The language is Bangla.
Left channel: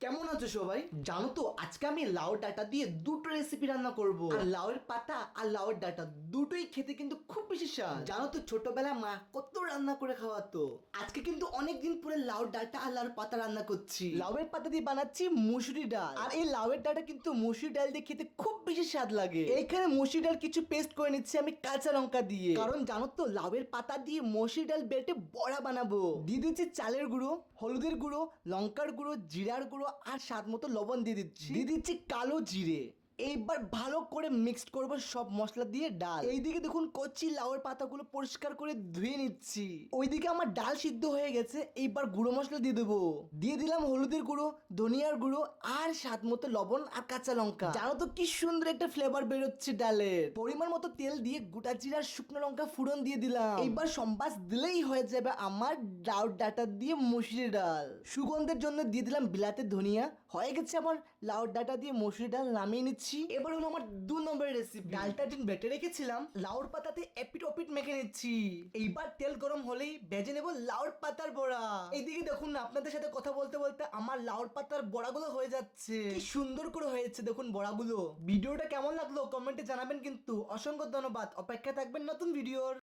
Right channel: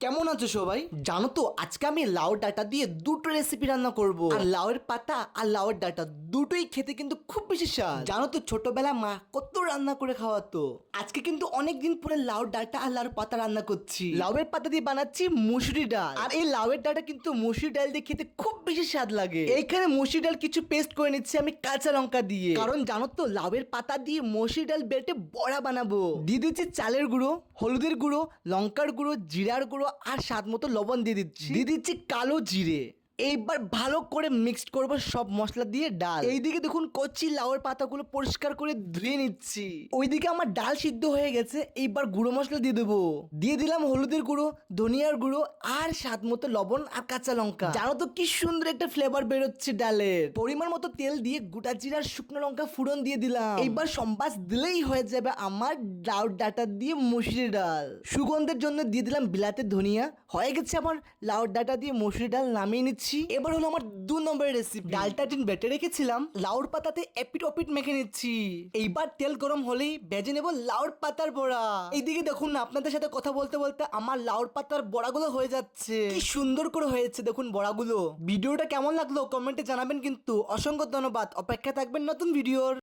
কেমন আছো সবাই? জানো তো আজকে আমি লাউ ডাঁটা দিয়ে দুটো রেসিপি রান্না করব। আর লাউয়ের পাতা আর লাউয়ের ডাঁটা দুটোই খেতে কিন্তু খুব বেশি স্বাদ। জানো তো ছোটবেলা মা কত রান্না করে খাওয়াতো। আজকে কিন্তু অনেক দিন পরে লাউ ডাঁটা আর লাউয়ের পাতা রান্না করছি। লাউয়ের পাতা দিয়ে বানাচ্ছি মুসুরি ডাল, আর এই লাউয়ের ডাঁটা কিন্তু মুসুরি ডাল দিয়ে খেতে খুব বেশি স্বাদ লাগে। এইখানে মুসুরি ডাল কিছু পেস্ট করে নিচ্ছি আমি কাঁচা লঙ্কা দিয়ে, কারণ জানো তো লাউয়ের পাতা দিয়ে মুসুরি ডাল বেটে বড়া বানাবো। দিয়ে দিচ্ছি চালের গুঁড়ো, হলুদের গুঁড়ো, লঙ্কার গুঁড়ো, জিরার গুঁড়ো আর স্বাদ মতো লবণ দিয়ে দিচ্ছি কালো জিরে। এইবার ভালো করে মিক্সড করব সব মশলা দিয়ে ডাল। এইদিকে দেখুন কচি লাউয়ের পাতাগুলো পরিষ্কার করে ধুয়ে নিচ্ছি। ওইদিকে আমার ডাল সিদ্ধ হয়ে গেছে। এইবার গুঁড়ো মশলা দিয়ে দেবো। দিয়ে দিলাম হলুদের গুঁড়ো, ধনিয়ার গুঁড়ো আর স্বাদ মতো লবণ আর কাঁচা লঙ্কা। জানো তো কি সুন্দর একটা ফ্লেভার বেরোচ্ছে ডালের। পরিমাণ মতো তেল দিয়ে গোটা জিরা আর শুকনো লঙ্কা ফোড়ন দিয়ে দিলাম। এইবার সম্বাস দিলেই হয়ে যাবে আমার লাউ ডাঁটা দিয়ে মুসুরি ডাল। সুগন্ধের জন্য দিয়ে দিলাম বিলাতে ধনিয়া। হয়ে গেছে আমার লাউ ডাঁটা দিয়ে মুসুরি ডাল, নামিয়ে নিচ্ছি। এবার হলো আমার 2 নম্বরের রেসিপি। ডালটা দিন বেটে রেখেছিলাম, লাউর পাতাতে এপিট ওপিট মেখে নিচ্ছি। এইবার তেল গরম হলেই ভেজে নেব লাউর পাতার বড়া। এইদিকে দেখুন না, আপনাদের সাথে কথা বলতে বলতে আমার লাউর পাতার বড়াগুলো হয়ে যাচ্ছে। কি সুন্দর করে হয়েছে দেখুন বড়াগুলো। ভিডিওটা কেমন লাগলো কমেন্টে জানাবেন কিন্তু। অসংখ্য ধন্যবাদ, অপেক্ষা থাকবেন নতুন ভিডিওর।